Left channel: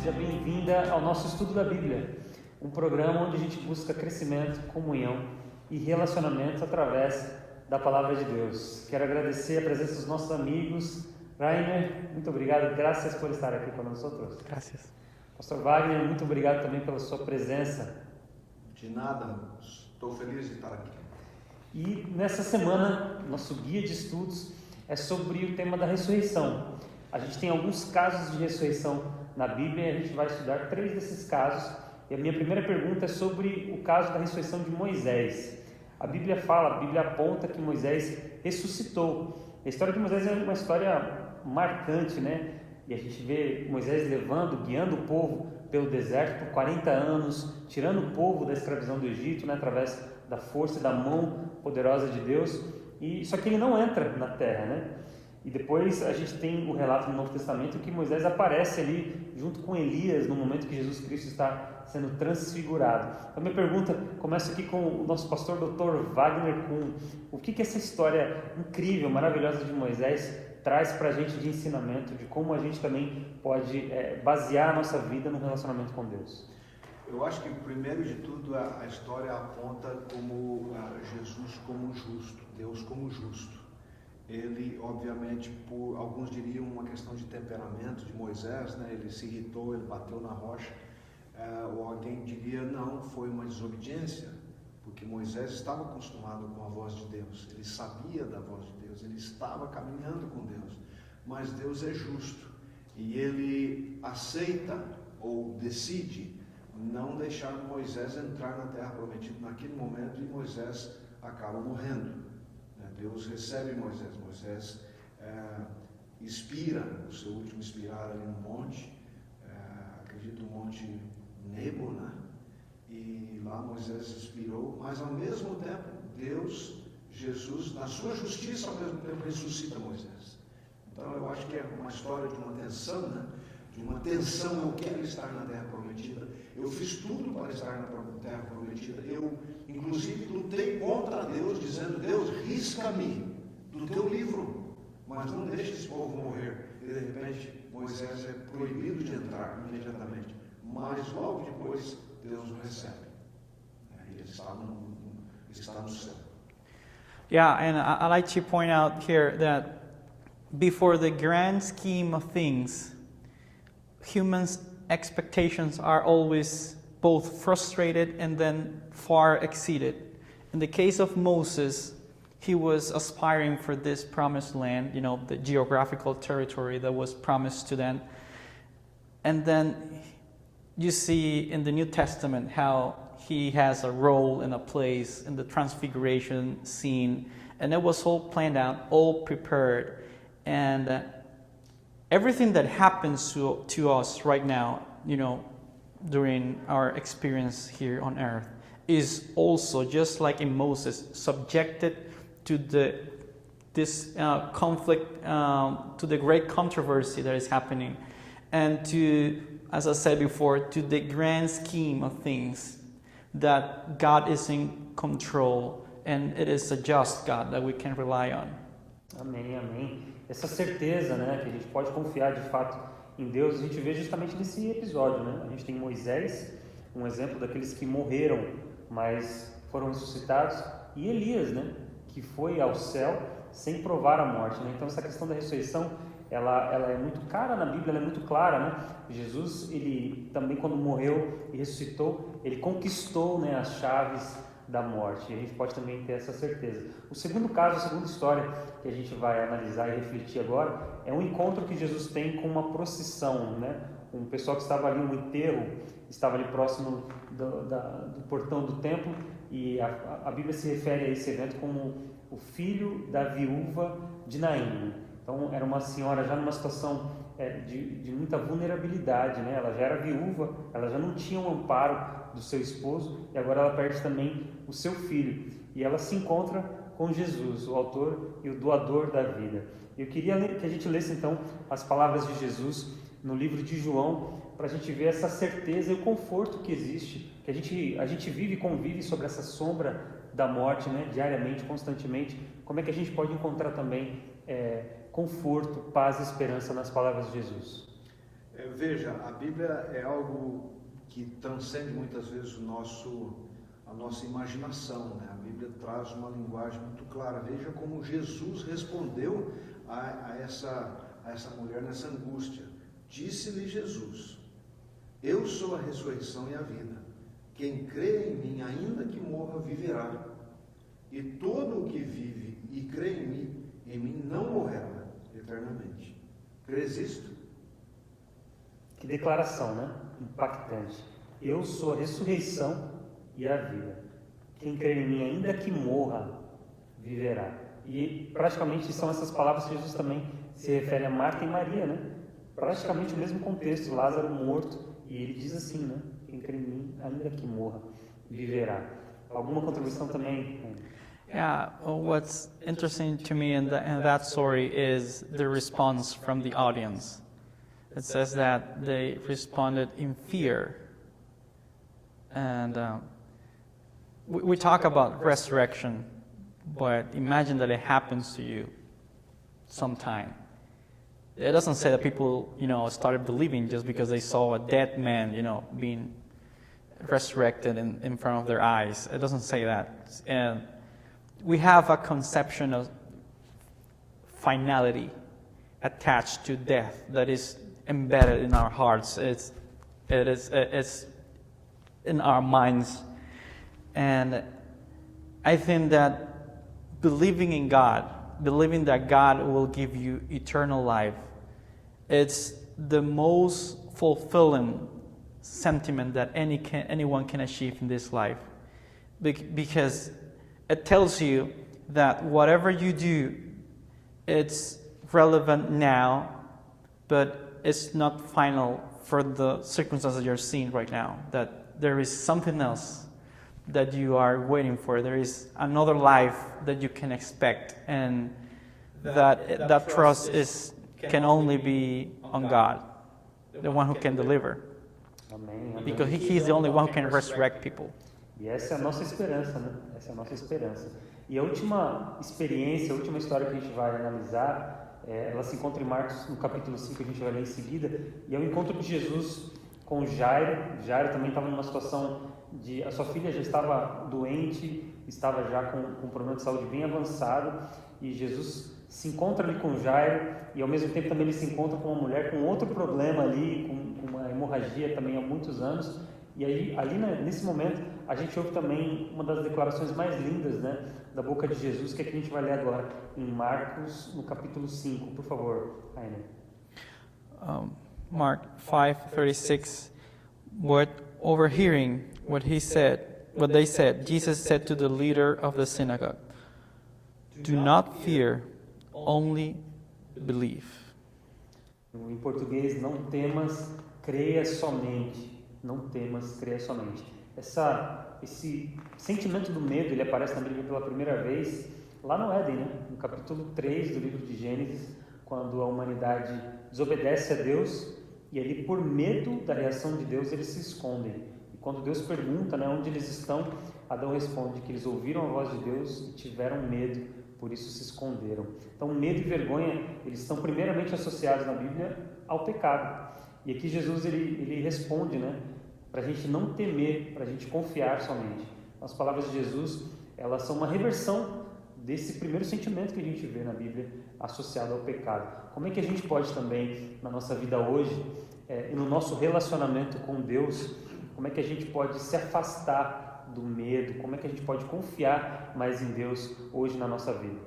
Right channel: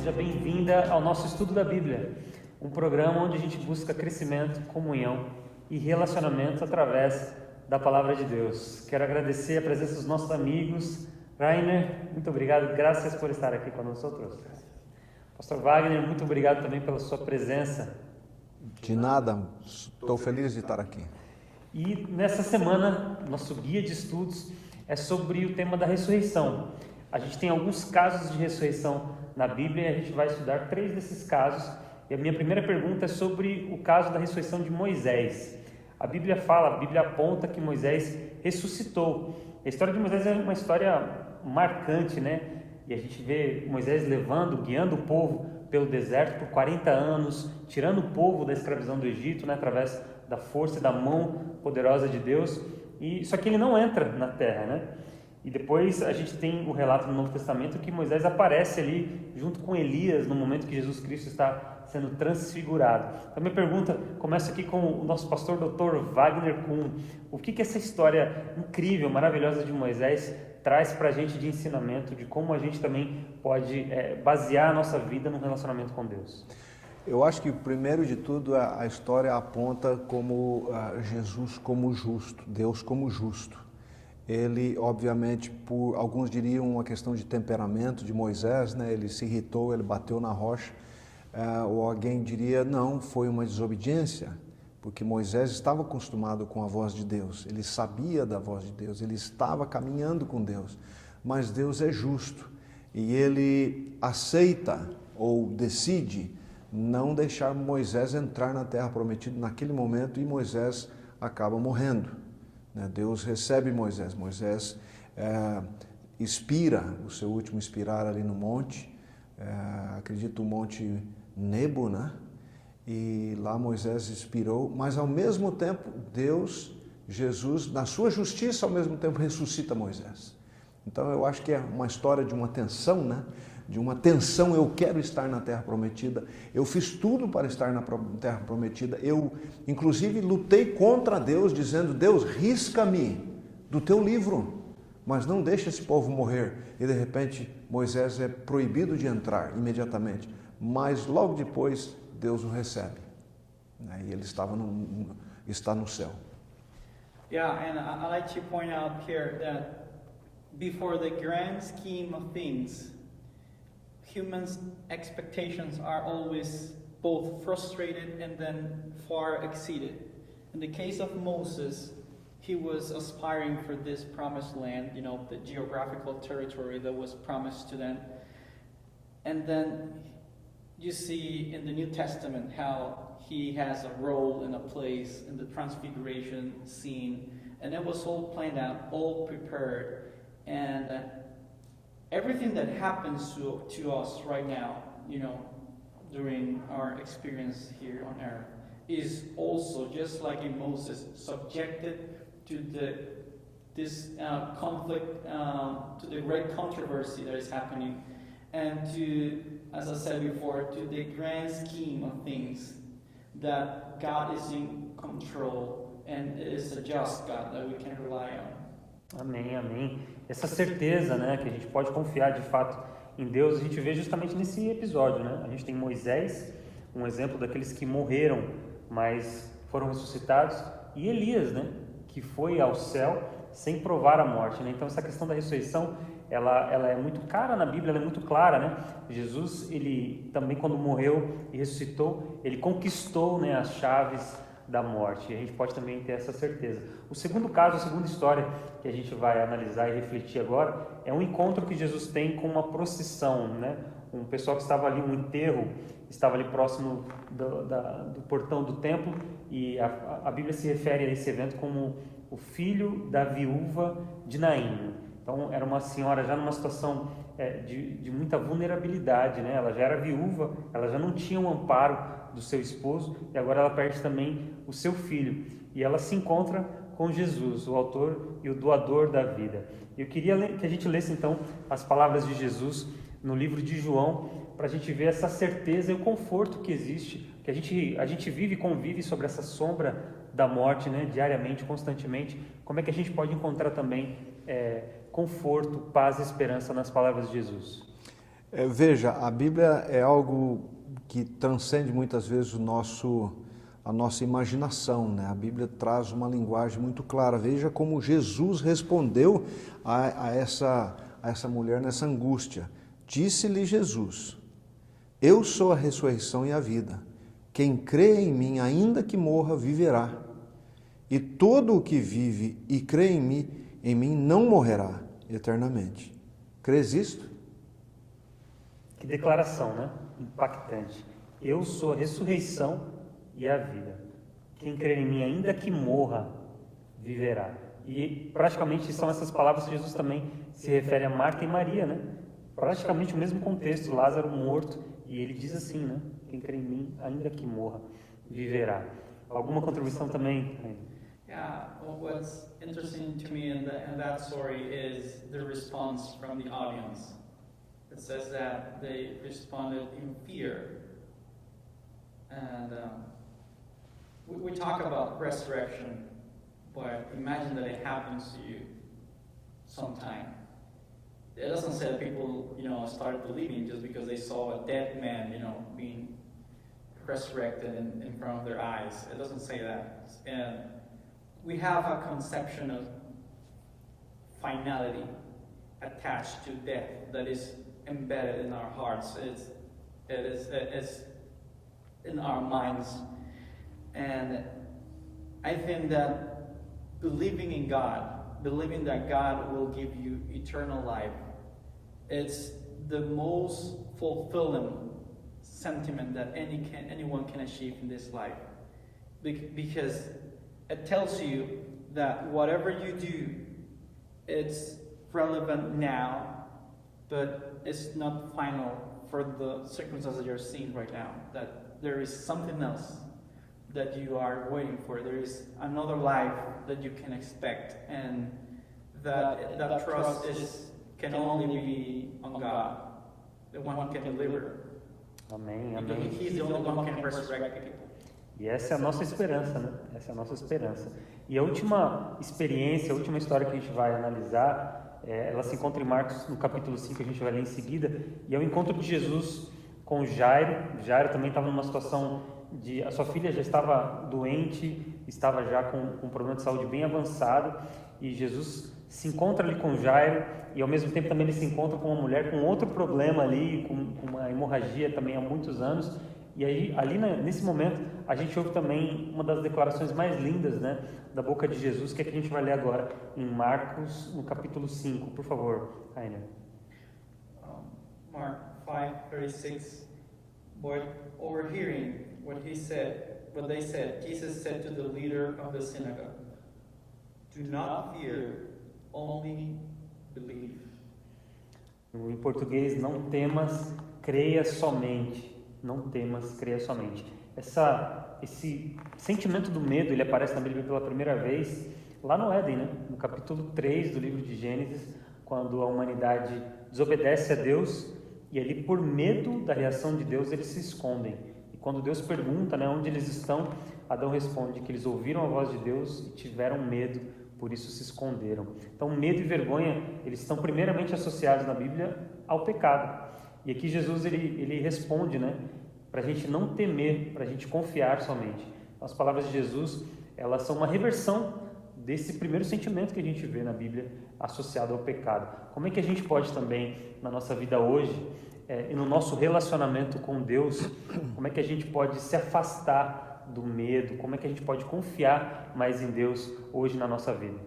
seja bem-vinda ao nosso estudo da Bíblia, um programa onde a gente busca crescimento, comunhão e relacionamento através da Palavra de Deus. Quero agradecer a presença dos nossos amigos. Rainer, muito obrigado, graças por estar aqui com nós outros. Graças. Pastor Wagner, muito obrigado também pela sua presença. De nada, estou feliz de estar aqui. E nessa semana, nosso guia de estudos é sobre o tema da ressurreição. A gente tem alguns casos de ressurreição na Bíblia e a gente vai estudar 3 desses casos. E a minha primeira pergunta é sobre o caso da ressurreição de Moisés. A Bíblia aponta que Moisés ressuscitou. A história de Moisés é uma história marcante, né? E a gente vê Moisés guiando o povo pelo deserto por 40 anos, tirando o povo da escravidão do Egito, né? Através da força e da mão poderosa de Deus. Só que ele não entra na terra, né? E depois a gente tem o relato no Novo Testamento que Moisés aparece ali junto com Elias no momento que Jesus Cristo está sendo transfigurado. Então minha pergunta começa aqui com o nosso pastor Dr. Wagner, com o que essa história incrível, maravilhosa de Moisés traz para a gente de ensinamento, de como a gente também pode basear a nossa vida no relacionamento com Deus. Eu acho que, primeiro de tudo, a história aponta como Jesus como justo, Deus como justo. Ele, obviamente, por alguns diriam uma questão de temperamento de Moisés, né? Ele se irritou, ele bateu na rocha, ou alguém diria, não, foi uma desobediência, porque Moisés estava acostumado com a voz de Deus, ele sabia da voz de Deus, ele estava caminhando com Deus, mas Deus é justo e ele aceita ou decide não deixar Moisés entrar na terra prometida naquele momento e Moisés acaba morrendo. Deus recebe Moisés, expira, o seu último expirar ali no monte, acredito o monte Nebo, né? E lá Moisés expirou, mas ao mesmo tempo Deus, Jesus, na sua justiça, ao mesmo tempo ressuscita Moisés. Então eu acho que é uma história de uma tensão, né? De uma tensão, eu quero estar na terra prometida, eu fiz tudo para estar na terra prometida, eu inclusive lutei contra Deus, dizendo, Deus, risca-me do teu livro, mas não deixa esse povo morrer. E de repente Moisés é proibido de entrar imediatamente, mas logo depois Deus o recebe, e ele está no céu. Yeah, and I like to point out here that before the grand scheme of things, humans' expectations are always both frustrated and then far exceeded. In the case of Moses, he was aspiring for this promised land, the geographical territory that was promised to them. And then you see in the New Testament how he has a role and a place in the transfiguration scene. And it was all planned out, all prepared. And everything that happens to us right now, during our experience here on earth, is also, just like in Moses, subjected to this conflict, to the great controversy that is happening, and to, as I said before, to the grand scheme of things, that God is in control, and it is a just God that we can rely on. Amém, amém. Essa certeza, né, que a gente pode confiar de fato em Deus, a gente vê justamente nesse episódio, né? A gente tem Moisés, um exemplo daqueles que morreram, mas foram ressuscitados, e Elias, né, que foi ao céu sem provar a morte, né? Então essa questão da ressurreição, ela é muito cara na Bíblia, ela é muito clara, né? Jesus, ele também quando morreu e ressuscitou, ele conquistou, né, as chaves da morte, e a gente pode também ter essa certeza. O segundo caso, a segunda história que a gente vai analisar e refletir agora é um encontro que Jesus tem com uma procissão, né? Um pessoal que estava ali, um enterro, estava ali próximo do portão do templo, e a Bíblia se refere a esse evento como o filho da viúva de Naim. Então era uma senhora já numa situação de muita vulnerabilidade, né? Ela já era viúva, ela já não tinha um amparo do seu esposo, e agora ela perde também o seu filho, e ela se encontra com Jesus, o autor e o doador da vida. Eu queria que a gente lesse então as palavras de Jesus no livro de João, para a gente ver essa certeza e o conforto que existe, que a gente vive e convive sobre essa sombra da morte, né, diariamente, constantemente. Como é que a gente pode encontrar também conforto, paz e esperança nas palavras de Jesus? Veja, a Bíblia é algo que transcende muitas vezes a nossa imaginação, né? A Bíblia traz uma linguagem muito clara. Veja como Jesus respondeu a essa mulher nessa angústia. Disse-lhe Jesus: eu sou a ressurreição e a vida. Quem crê em mim, ainda que morra, viverá. E todo o que vive e crê em mim não morrerá eternamente. Crês isto? Que declaração, né? Impactante. Eu sou a ressurreição e a vida. Quem crê em mim, ainda que morra, viverá. E praticamente são essas palavras que Jesus também se refere a Marta e Maria, né? Praticamente o mesmo contexto, Lázaro morto, e ele diz assim, né? Quem crê em mim, ainda que morra, viverá. Alguma contribuição também? Yeah, what's interesting to me in that story is the response from the audience. It says that they responded in fear. And we talk about resurrection, but imagine that it happens to you sometime. It doesn't say that people, started believing just because they saw a dead man, being resurrected in front of their eyes. It doesn't say that. And we have a conception of finality attached to death that is embedded in our hearts. It's in our minds. And I think that believing in God, believing that God will give you eternal life, it's the most fulfilling sentiment that anyone can achieve in this life. Because it tells you that whatever you do, it's relevant now, but it's not final for the circumstances you're seeing right now. That there is something else that you are waiting for. There is another life that you can expect, and that trust can only be on God, the one who can deliver. Amém. Because He's the only one who can resurrect people. E essa é a nossa esperança, né? Essa é a nossa esperança. E a última experiência, a última história que a gente vai analisar, ela se encontra em Marcos, no capítulo 5, que a gente vai ler em seguida, e é o encontro de Jesus com Jairo. Jairo também estava numa situação de... A sua filha já estava doente, estava já com um problema de saúde bem avançado, e Jesus se encontra ali com Jairo, e ao mesmo tempo também ele se encontra com uma mulher com outro problema ali, com uma hemorragia também há muitos anos. E aí, ali nesse momento, a gente ouve também uma das declarações mais lindas, né, da boca de Jesus, que é que a gente vai ler agora em Marcos, no capítulo 5. Por favor, Aina. Mark 5:36. But overhearing what they said, Jesus said to the leader of the synagogue, "Do not fear, only believe." Em português, não temas, creia somente. Não temas, creia somente. Esse sentimento do medo, ele aparece na Bíblia pela primeira vez lá no Éden, né? No capítulo 3 do livro de Gênesis, quando a humanidade desobedece a Deus e ali, por medo da reação de Deus, eles se escondem. E quando Deus pergunta, né, onde eles estão, Adão responde que eles ouviram a voz de Deus e tiveram medo, por isso se esconderam. Então, medo e vergonha, eles estão primeiramente associados na Bíblia ao pecado. E aqui Jesus ele responde, né, para a gente não temer, para a gente confiar somente. As palavras de Jesus, elas são uma reversão desse primeiro sentimento que a gente vê na Bíblia associado ao pecado. Como é que a gente pode também, na nossa vida hoje, e no nosso relacionamento com Deus, como é que a gente pode se afastar do medo, como é que a gente pode confiar mais em Deus hoje na nossa vida?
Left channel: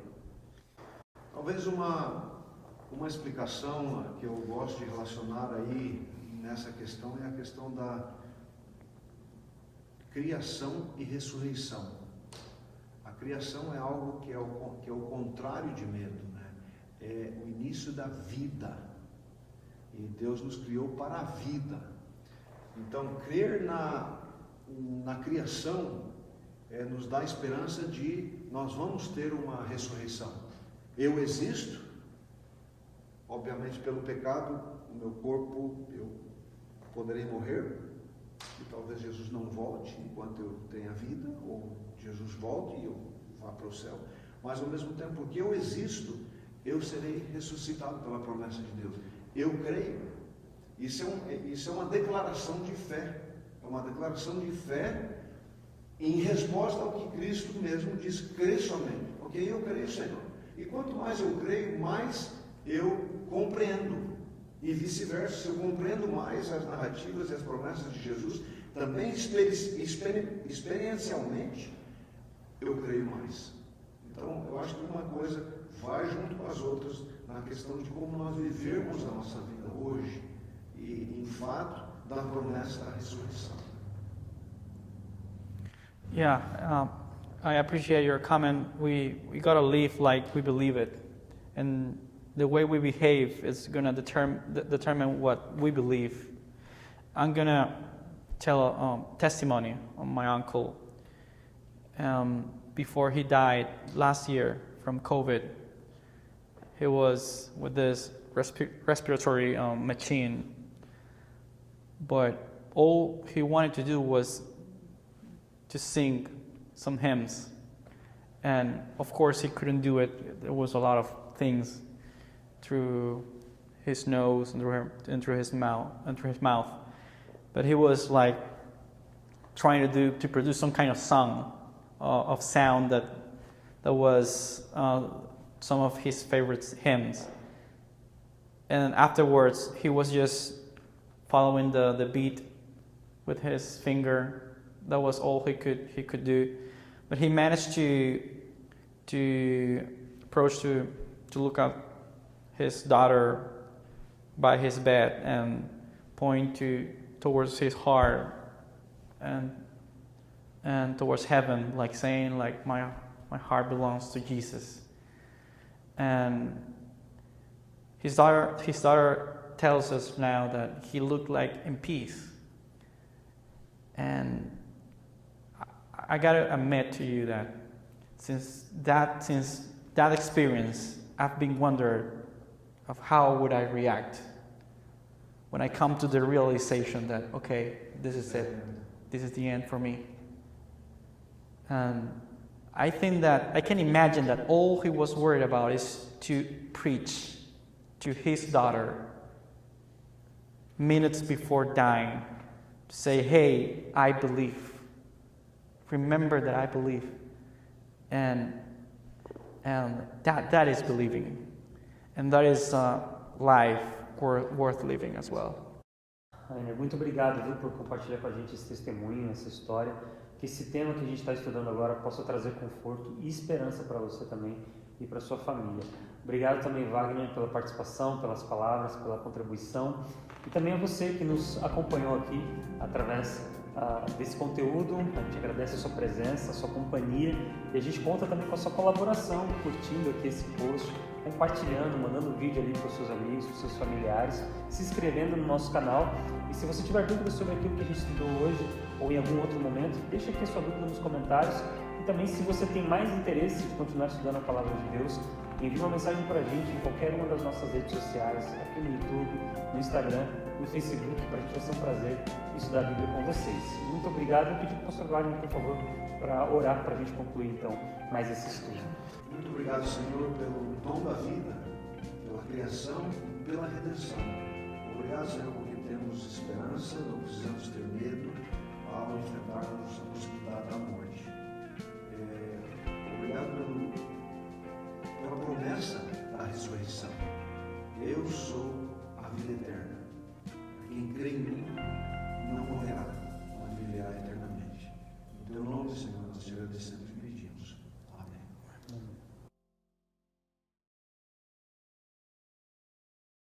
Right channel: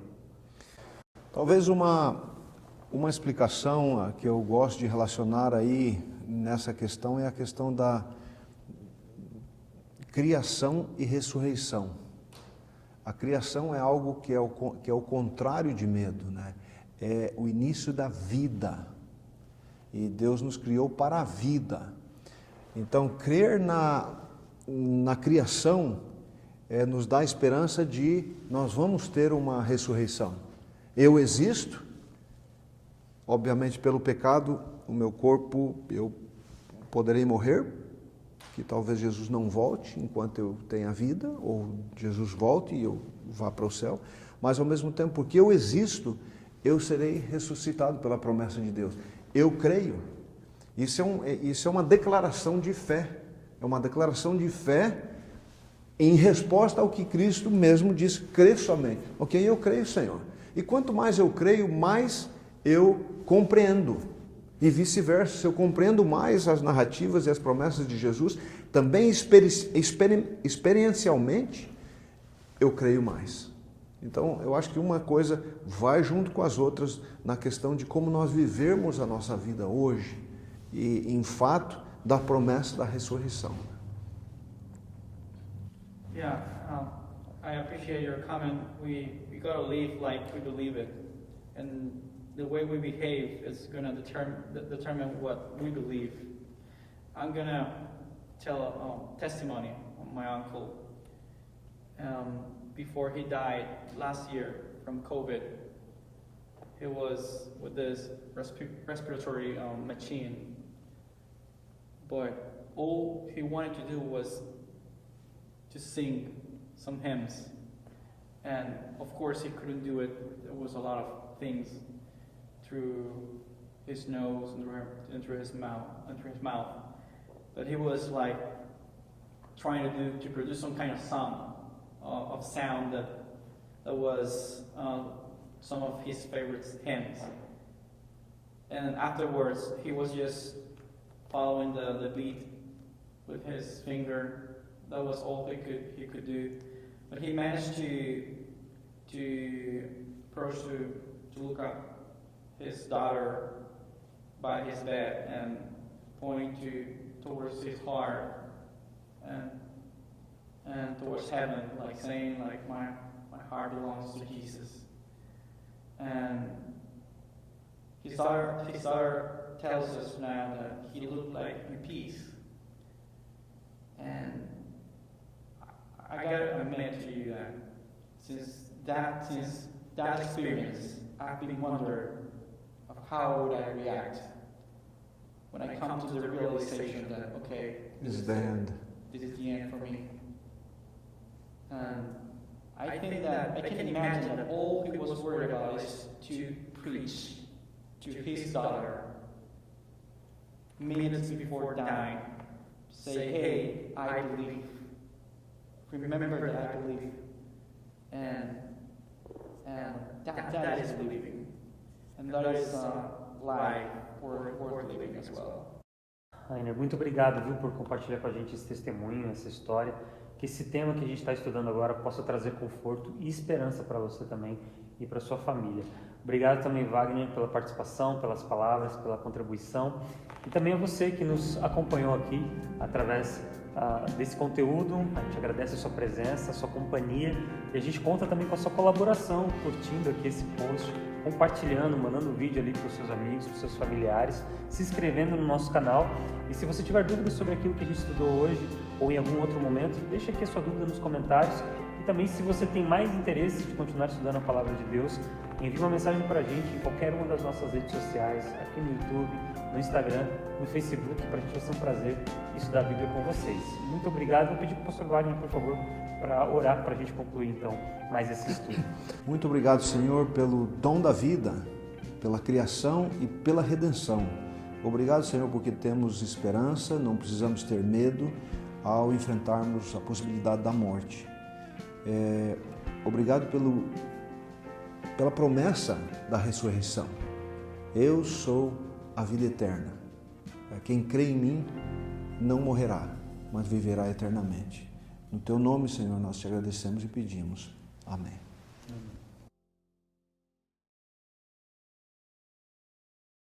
Talvez uma explicação que eu gosto de relacionar aí nessa questão é a questão da criação e ressurreição. A criação é algo que é o contrário de medo, né? É o início da vida. E Deus nos criou para a vida. Então, crer na criação nos dá a esperança de nós vamos ter uma ressurreição. Eu existo, obviamente pelo pecado, o meu corpo, eu poderei morrer, que talvez Jesus não volte enquanto eu tenha vida, ou Jesus volte e eu vá para o céu, mas ao mesmo tempo, porque eu existo, eu serei ressuscitado pela promessa de Deus. Eu creio Isso é uma declaração de fé. É uma declaração de fé em resposta ao que Cristo mesmo disse: crê somente. Ok, eu creio, Senhor. E quanto mais eu creio, mais eu compreendo. E vice-versa, se eu compreendo mais as narrativas e as promessas de Jesus, também experiencialmente, eu creio mais. Então, eu acho que uma coisa vai junto com as outras na questão de como nós vivemos a nossa vida hoje e, em fato, da promessa da ressurreição. Yeah, I appreciate your comment. We gotta live like we believe it, and the way we behave is gonna determine what we believe. I'm gonna tell a testimony on my uncle. Before he died last year from COVID, he was with this respiratory machine, but all he wanted to do was to sing some hymns, and of course he couldn't do it. There was a lot of things through his nose and through his mouth, but he was like trying to produce some kind of sound that was some of his favorite hymns, and afterwards he was just following the beat with his finger. That was all he could do, but he managed to approach to look up his daughter by his bed and point towards his heart and towards heaven, like saying, like, my heart belongs to Jesus. And his daughter tells us now that he looked like in peace. And I gotta admit to you that since that experience, I've been wondering of how would I react when I come to the realization that, okay, this is it. This is the end for me. And I think that I can imagine that all he was worried about is to preach to his daughter minutes before dying, to say, hey, I believe. Remember that I believe. And that is believing. And that is life worth living as well. Rainer, muito obrigado, viu, por compartilhar com a gente esse testemunho, essa história. Que esse tema que a gente está estudando agora possa trazer conforto e esperança para você também e para sua família. Obrigado também, Wagner, pela participação, pelas palavras, pela contribuição e também a você que nos acompanhou aqui através desse conteúdo. A gente agradece a sua presença, a sua companhia e a gente conta também com a sua colaboração, curtindo aqui esse post, compartilhando, mandando um vídeo ali para os seus amigos, para os seus familiares, se inscrevendo no nosso canal. E se você tiver dúvidas sobre aquilo que a gente estudou hoje ou em algum outro momento, deixa aqui a sua dúvida nos comentários. E também, se você tem mais interesse de continuar estudando a Palavra de Deus, envie uma mensagem para a gente em qualquer uma das nossas redes sociais, aqui no YouTube, no Instagram, no Facebook, para a gente vai ser um prazer estudar a Bíblia com vocês. Muito obrigado. Vou pedir para o pastor Wagner, por favor, para orar para a gente concluir então mais esse estudo. Muito obrigado, Senhor, pelo dom da vida, pela criação e pela redenção. Obrigado, Senhor, porque temos esperança, não precisamos ter medo ao enfrentarmos a possibilidade da morte. Obrigado pela promessa da ressurreição. Eu sou a vida eterna. Quem crê em mim não morrerá, mas viverá eternamente. No teu nome, Senhor, nós te agradecemos e pedimos. Amém.